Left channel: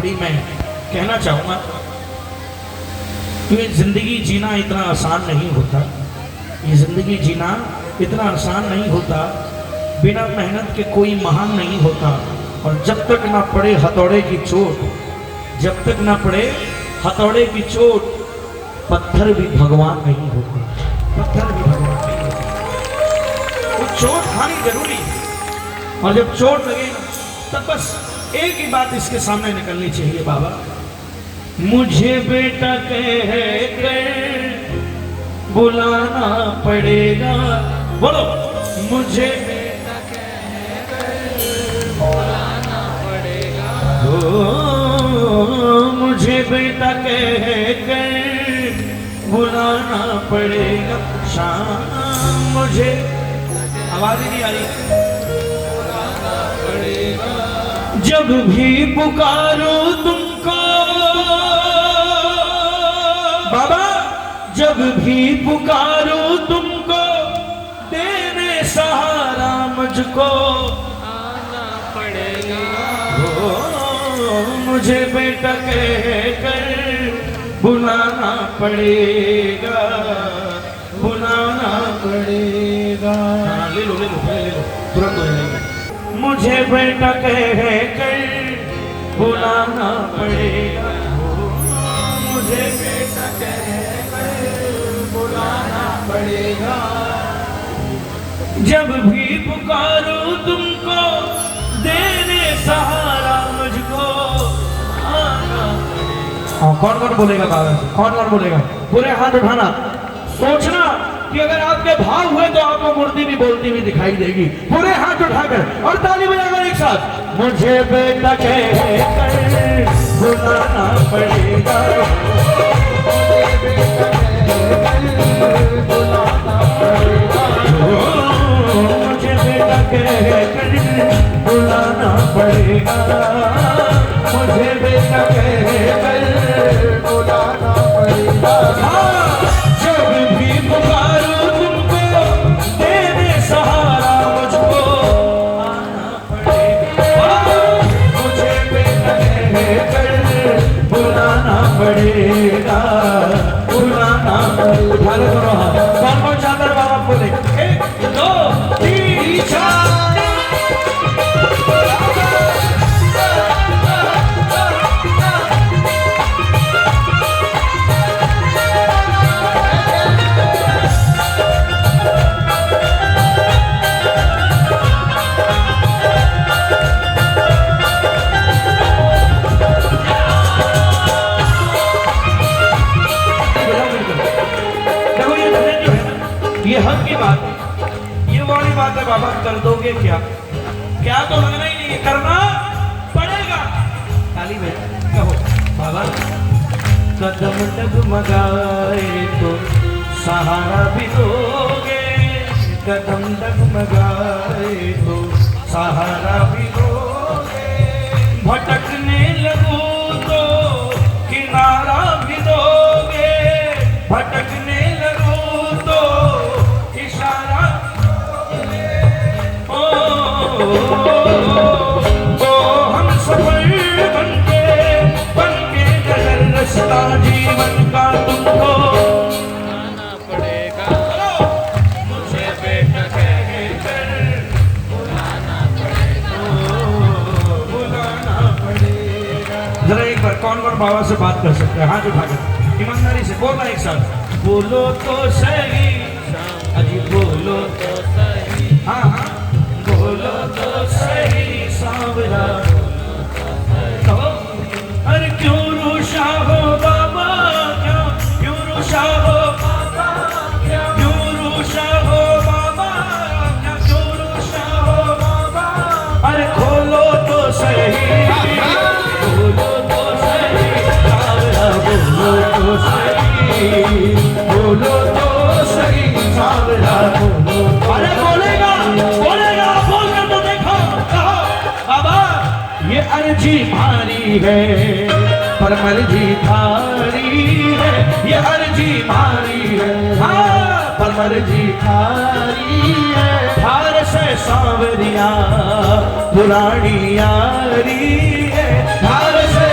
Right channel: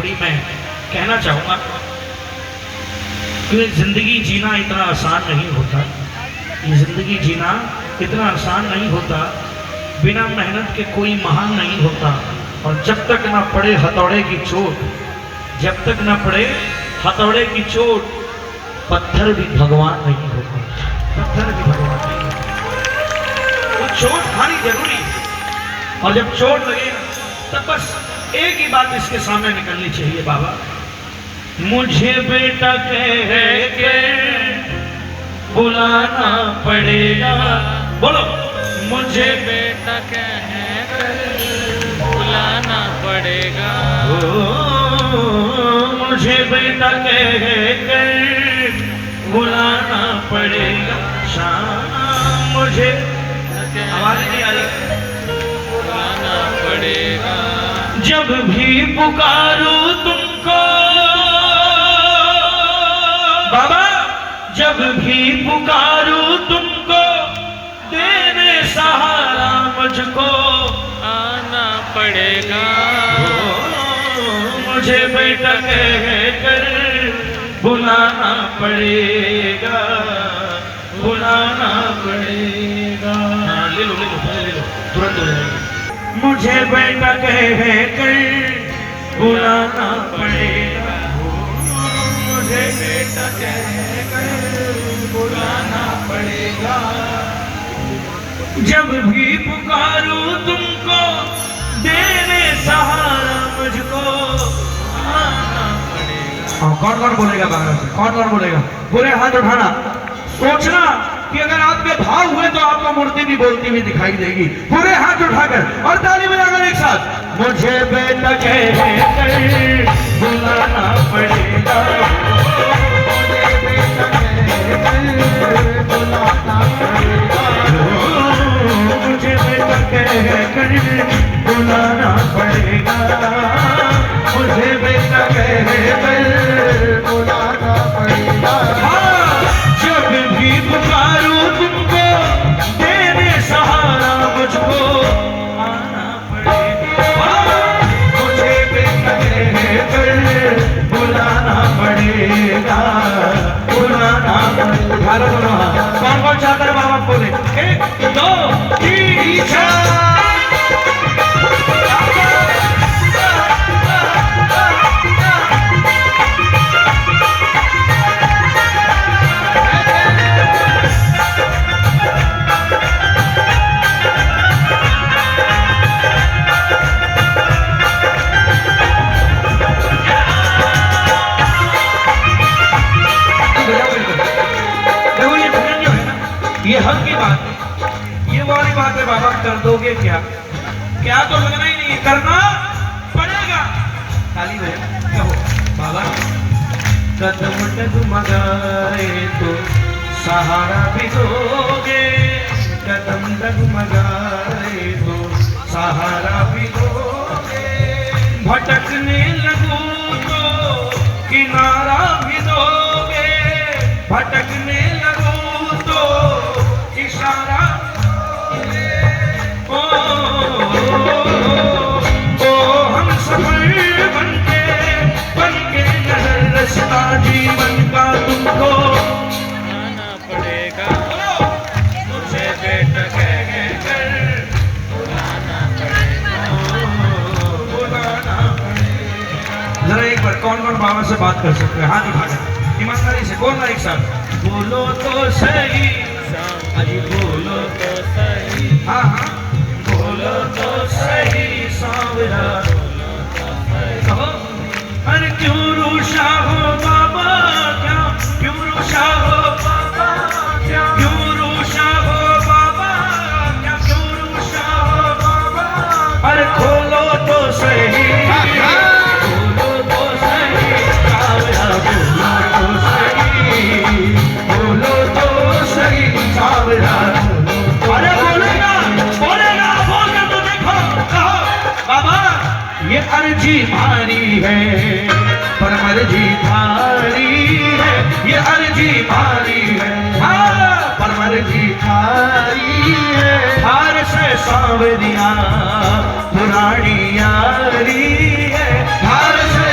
खोपड़ी में कहना चाहूँगा कि ज़िंदगी जीना इतना आसान नहीं होता। ये ज़िंदगी जीना इतना आसान नहीं होता। बिना मेहनत के कोई महान नहीं होता। और जब तक ना पड़े हथौड़े की चोट, जब तक ना पड़े हथौड़े की चोट, पत्थर भी भगवान नहीं होते। पत्थर भी भगवान नहीं होते। तो चोट खानी जरूरी है। और जब चोट लगे तब बस एक ही बात इसके सामने निकलनी चाहिए, बाबा मुझे बेटा कह के बुलाना पड़ेगा। बोलो, मुझे बेटा कह कर बुलाना पड़ेगा। मुझे बेटा कह कर बुलाना पड़ेगा। शाम मुझे आवाज नहीं आ रही। बुलाना पड़ेगा। जब भी पुकारो तुमको बाबा, जब भी पुकारो तुमको, देने सहारा मुझको आना पड़ेगा। मुझे बेटा कह कर बुलाना पड़ेगा, बुलाना पड़ेगा। ले लो, तुरंत हो जाएगा। मुझे बेटा कह कर बुलाना पड़ेगा। मुझे बेटा कह कर बुलाना पड़ेगा। जब भी पुकारो तुमको, देने सहारा मुझको आना पड़ेगा। कौन कौन बोलेगा बाहर से? कौन कौन बोलेगा? पूरे हाथ उठाना। सोचना कि अगर आपके भाव हुए तो आपको मूर्ति भी बोलती हुई दिखाई देगी। पूरे हाथ उठाकर और ताली बजाकर एक साथ। मुझे बेटा कह कर बुलाना पड़ेगा। मुझे बेटा कह कर बुलाना पड़ेगा। मुझे बेटा कह कर बुलाना पड़ेगा। मुझे बेटा कह कर बुलाना पड़ेगा। जब भी पुकारो तुमको, देने सहारा मुझको आना पड़ेगा। मुझे बेटा कह कर बुलाना पड़ेगा, बुलाना पड़ेगा। कौन कौन चाहकर बाबा बोले? 1 2 3 4। ये हक की बात है, ये वाली बात है। बाबा कर दोगे क्या? क्या तो लगना ही नहीं है, करना पड़ेगा। ताली बजाओ, कहो बाबा। कदम डगमगाए तो सहारा भी दोगे, कदम डगमगाए तो सहारा भी दोगे। भटकने लगो तो किनारा भी दोगे, भटकने लगो जीवन का तुमको आना पड़ेगा। मुझे बेटा कह कर बुलाना पड़ेगा। बुलाना पड़ेगा। जरा एक बार कौन कौन बाबा से बात कर सकता है? हाथ उठाकर ईमानदारी से बोलना एक साथ। बोलो तो सही शाम अजी, बोलो तो सही। हाँ हाँ, बोलो तो सही सांवरा, बोलो तो सही। कहो। अरे क्यों रूठा हो बाबा, क्यों रूठा हो बाबा, क्यों रूठा हो बाबा, क्यों रूठा हो बाबा। अरे खोलो तो सही, बोलो तो सही सांवरा, बोलो तो सही, बोलो तो सही सांवरा, बोलो। अरे बोलेगा, बोलेगा, बोल कर तो देखो, कहो बाबा। ये अर्जी भारी है पर मर्जी थारी है, ये अर्जी भारी है हाँ, पर मर्जी थारी है। हार से सांवरिया पुरानी यारी है, हार से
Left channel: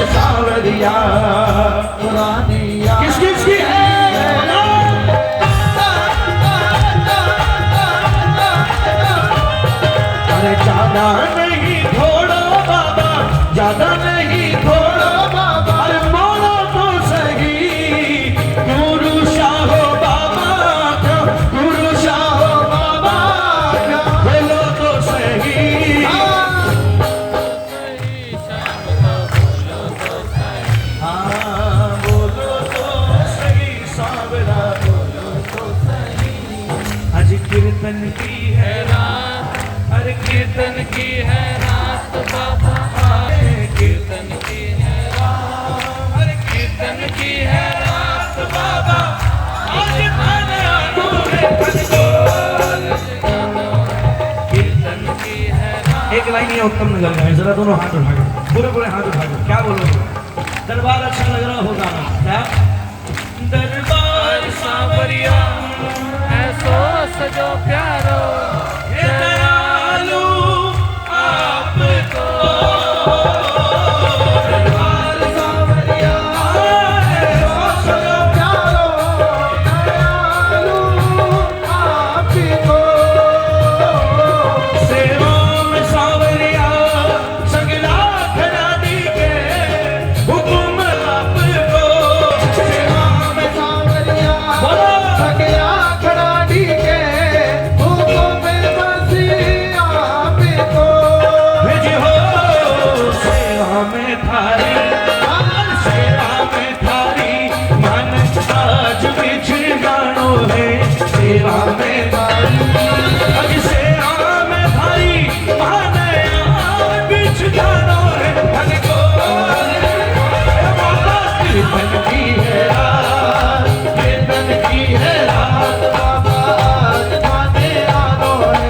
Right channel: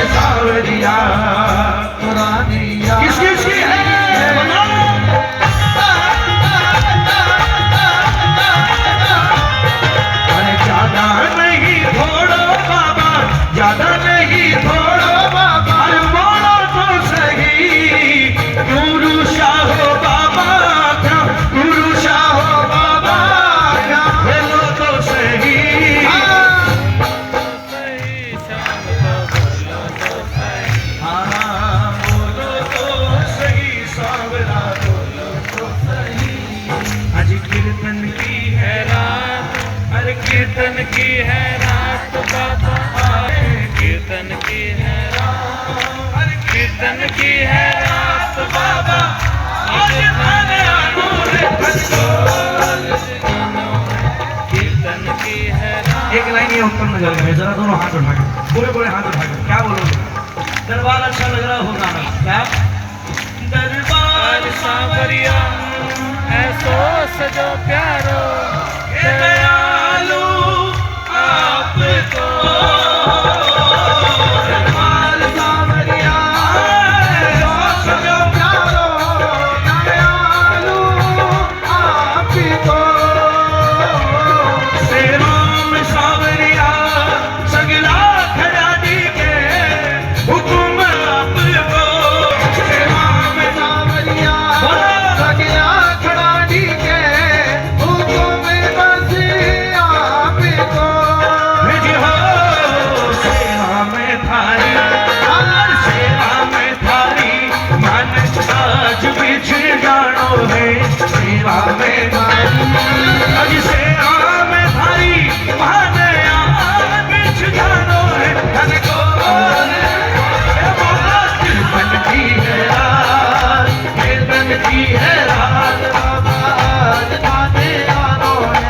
कीर्तन की है रात, हर कीर्तन की है रात बाबा आए, कीर्तन की है रात, हर कीर्तन की है रात बाबा आज थाने आनो है, कीर्तन की है रात। एक लाइन ये उत्तम नजर का है, जरा दोनों हाथ उठा के पूरे पूरे हाथ उठा के क्या बोलोगे? दरबार अच्छा लग रहा होगा ना? क्या दरबार सांवरिया ऐसो सजो प्यारो दयालु आपको, दरबार सांवरिया ऐसो सजो प्यारो दयालु आपको, सेवा में सांवरिया सगला खड़ा दी के हुकुम आपको, सेवा में सांवरिया सगला खड़ा दी के हुकुम बस आपको, जी हो सेवा में थारी, सेवा में थारी मन आज बिछड़ जानो है, सेवा में थारी आज सेवा में थारी मन आज बिछड़ जानो है, धन को कीर्तन की है रात, कीर्तन की है रात बाबा आज थाने आनो है।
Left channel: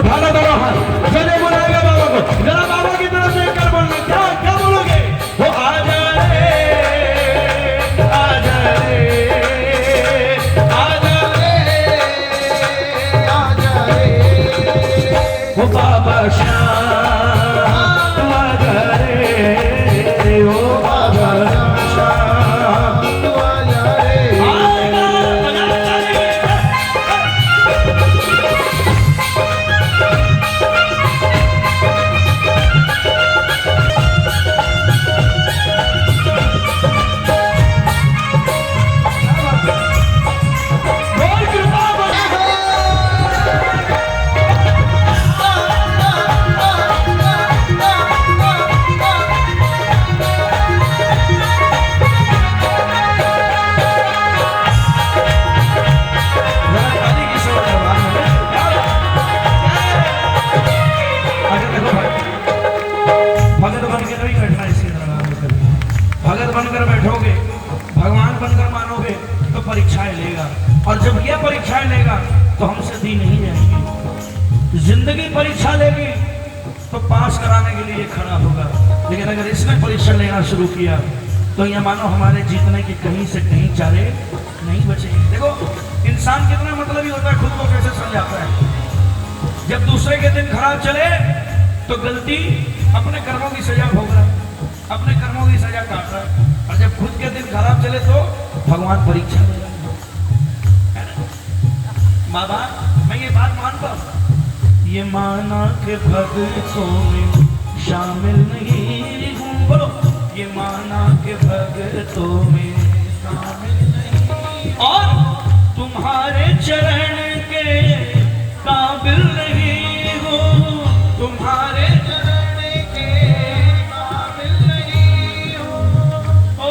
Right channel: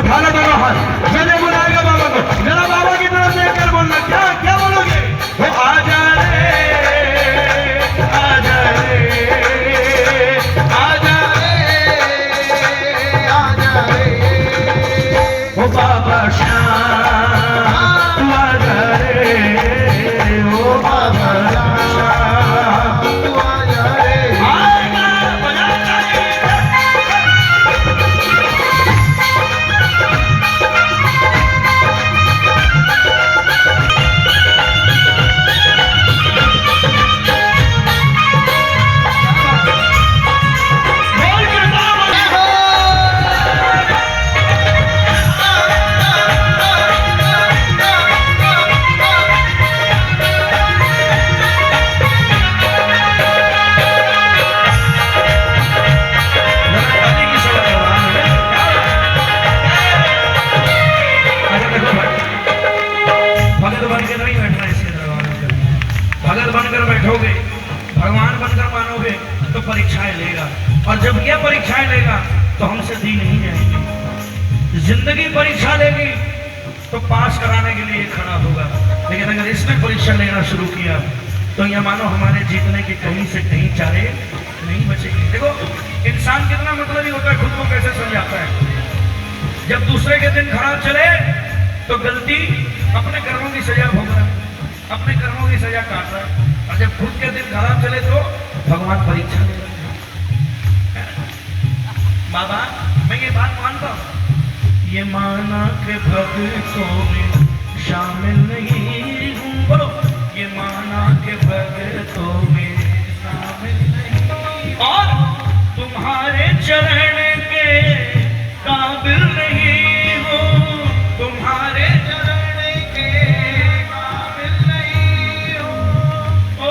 उठाना दोनों हाथ, चले बुलाएगा बाबा को, जरा बाबा की तरफ देखकर बोलना, क्या क्या बोलोगे? वो आजा रे, आजा रे, आजा रे, आजा रे, वो बाबा श्याम आजा रे, वो बाबा श्याम तू आजा रे, भगत बन के नहीं बैठना इसके दरबार में, भगत बनकर बैठोगे, भगवान बनकर मानोगे तो परीक्षाएं लेगा, और जब यह परीक्षाएं लेगा तो हमसे दी नहीं जाएगी। जिंदगी परीक्षा लेगी तो पास कराने के लिए खड़ा होगा, लेकिन अगर इसने परीक्षा लेना शुरू किया तो यह मानो हमारे जीतने के कहीं से कहीं चारे नहीं बचेंगे। देखो इंसान कितना मतलबी होता है, खुद को कैसे समझाता है। जब दूसरे के दिन खराब चले तो गलती अपने कर्मों की सजा भोग रहा है, अपने कर्मों की सजा काट रहा है, और जब खुद के दिन खराब चले तो भगवान परीक्षा ले रहे हैं। बाबा मैं ये बात मानता हूँ, ये माना के भक्तों में शामिल नहीं हूँ, बोलो ये माना के भक्तों में शामिल नहीं, और तुम्हारे चरण के काबिल नहीं हूँ, तुम्हारे चरण के काबिल नहीं हूँ। ओ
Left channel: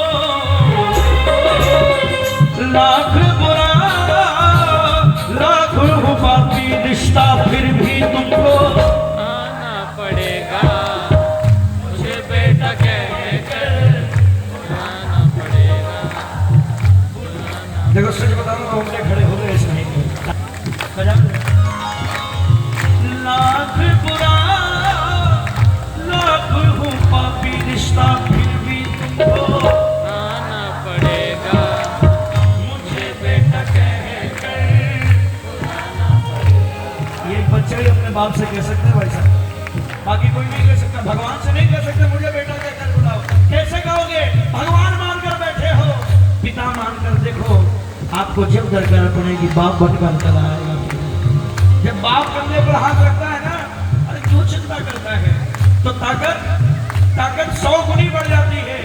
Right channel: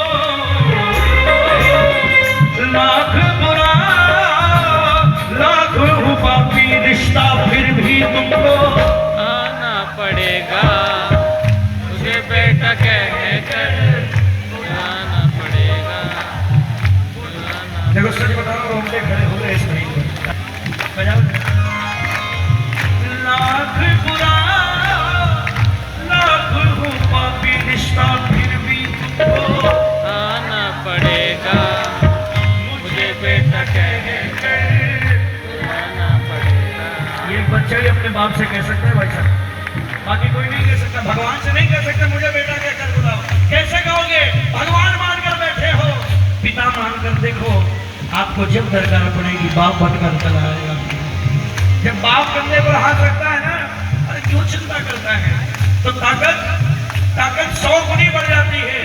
लाख बुरा लाख हूँ पापी रिश्ता, फिर भी तुमको आना पड़ेगा, मुझे बेटा कहकर बुलाना पड़ेगा, बुलाना। देखो सच बता रहा हूँ, खड़े हो गए इस महीने लाख बुरा लाख हूँ पापी रिश्ता, फिर भी तुमको आना पड़ेगा, मुझे बेटा कहकर बुलाना पड़ेगा। ये बच्चा ही अपने बाप से कह सकता है भाई साहब, बाकी कोई नहीं कह सकता। भगवान से नहीं कह सकते मुझे बेटा कहकर बुलाओ, कैसे कहोगे? भगवान मानकर बैठे हो, पिता मानकर देखो, आपको जब दरकार पड़ेगी बाप बनकर चला आएगा। जब बाप कंधे पर हाथ रखता है ना, अरे क्यों चिंता करता है, तो ताकत 100 गुनी बढ़ जाती है,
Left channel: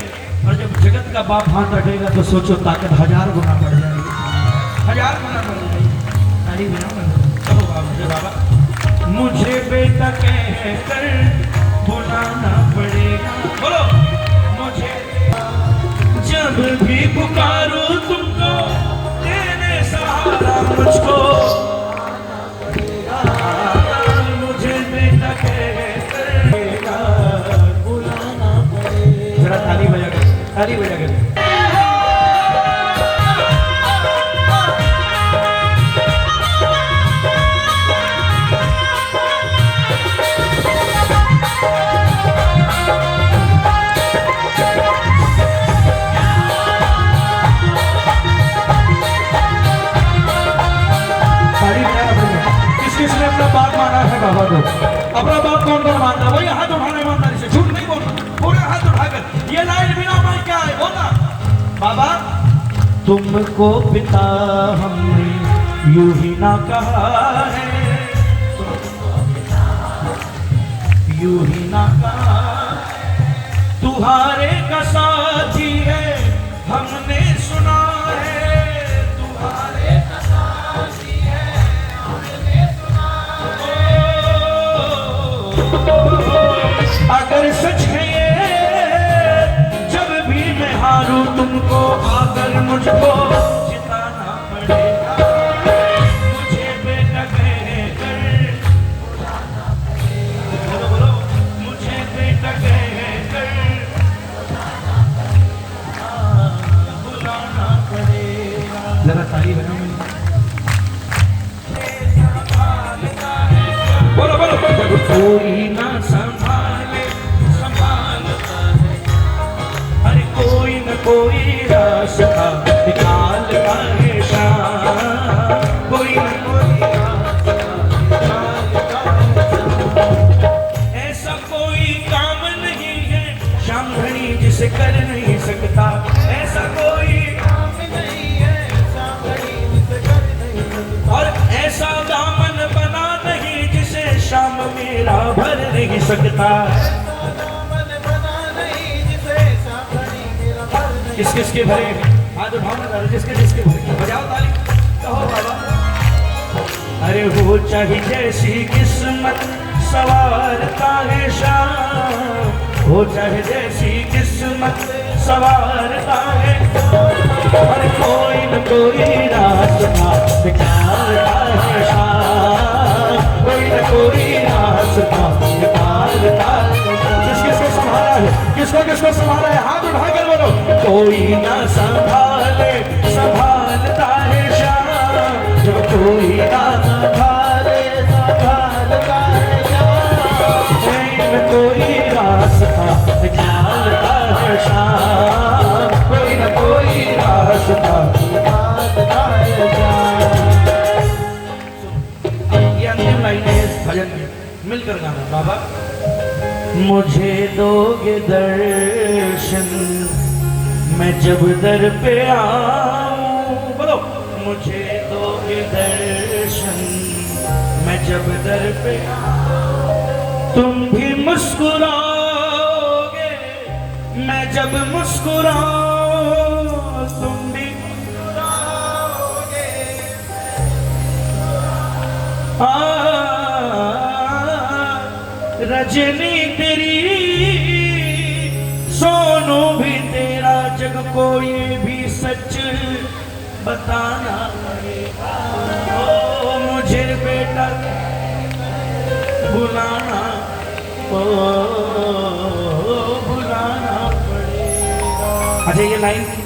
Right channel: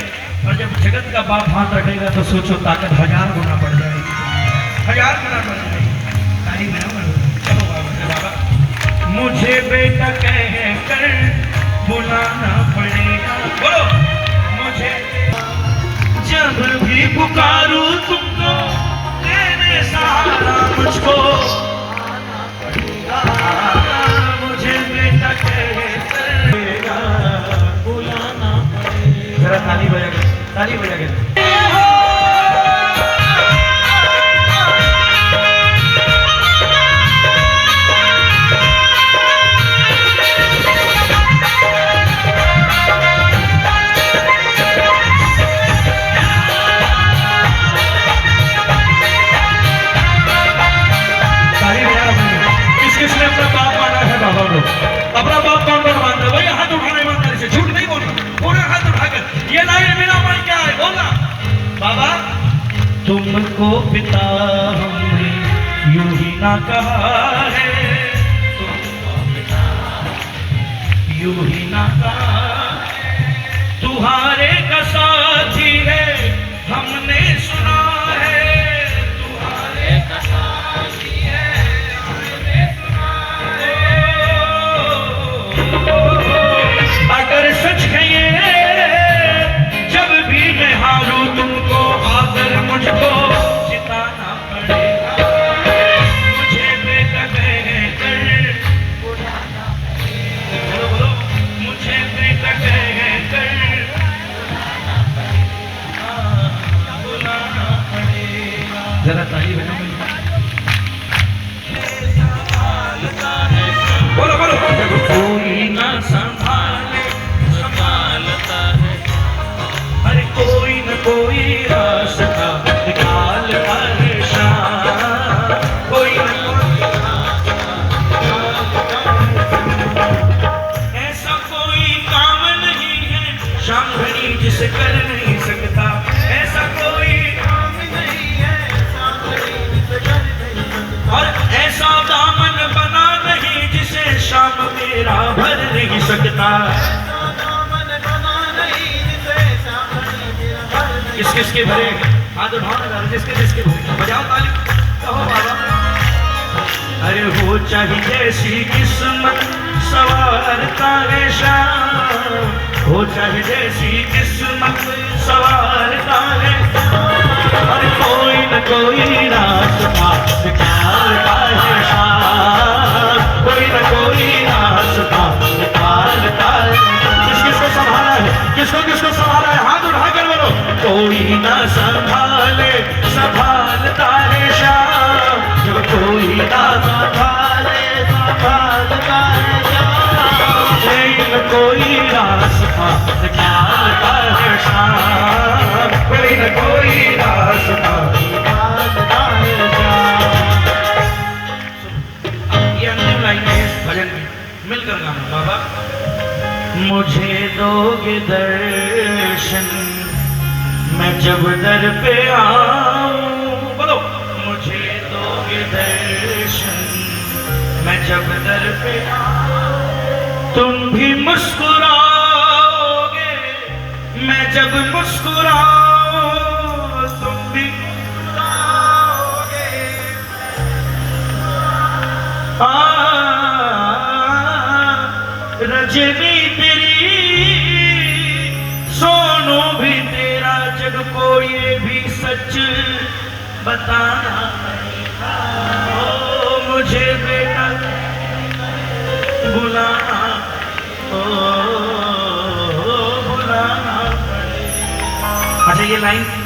और जब जगत का बाप हाथ रखेगा तो सोचो ताकत 1000 गुना बढ़ जाएगी, 1000 गुना बढ़ जाएगी। खाली ना चलो बाबा, मुझे बेटा कहकर बुलाना पड़ेगा, बोलो मुझे जब भी पुकारूं तुमको, तेरे सहारा मुझको ताली बजा के किसने अपना बाप माना है बाबा को? अपना बाप कौन कौन मानता है? वही हाथ उठाना ईमानदारी से, झूठ नहीं बोलना, पूरे हाथ उठाकर ये लाइन मेरा माई क्या है बोलना। बाबा तुमको पिता हमने यूं ही ना कहा है, तुमको पिता यूं ही ना कहा, तुम्हारे का साथी है हमने सुना है, तुम्हारे का साथी है हमने सुना है। अगर सच है ये जब भी मैं हारूं तुमको आकर मुझको जिताना पड़ेगा, मुझे बेटा कहकर बुलाना पड़ेगा, बोलो बोलो मुझे बेटा कहकर बुलाना पड़ेगा। जरा ताली बजाओ। बोलो बोलो कोई ना संभाले संभालता है, अरे कोई न कोई रास्ता निकालता है शाम, कोई न कोई ऐसा कोई काम नहीं है शाम घड़ी जिसे कर नहीं सकता, ऐसा कोई काम नहीं है शाम घड़ी जिसे कर नहीं सकता, और ऐसा दामन बना नहीं जिसे शाम मेरा भर नहीं सकता, ऐसा दामन बना नहीं जिसे शाम घड़ी मेरा भर नहीं। किस किस के भरे हाथ उठाओ, किसके किसके भरे बजाओ ताली कहो बाबा। अरे वो चाहे जैसी किस्मत सवारता है शाम, वो चाहे जैसी किस्मत सवारता है, अरे कोई न कोई रास्ता निकालता है शाम, कोई न कोई रास्ता निकालता है। किसको संभाला है, किसको संभाला है, हाथ उठा कर बोलो। कोई ना संभाले संभालता है शाम, जब कोई ना संभाले संभालता है शाम, कोई रास्ता निकालता है शाम, कोई न कोई रास्ता निकालता है शाम। ये अंतिम लाइन है इस भजन में, मिलकर गाना। बाबा मुझे दोगे दर्शन मैं जब दर पे आऊं, बोलो मुझे दोगे दर्शन मैं जब दर पे आऊं, तुम भी मुस्कुराओगे मैं जब मुस्कुराऊं, तुम भी मुस्कुराओगे रजनी तेरी सोनू भी तेरा, जग को ये भी सच बताना पड़ेगा, ओ मुझे बेटा बुलाना, ओ बुलाना पड़ेगा। अच्छा ये लाइन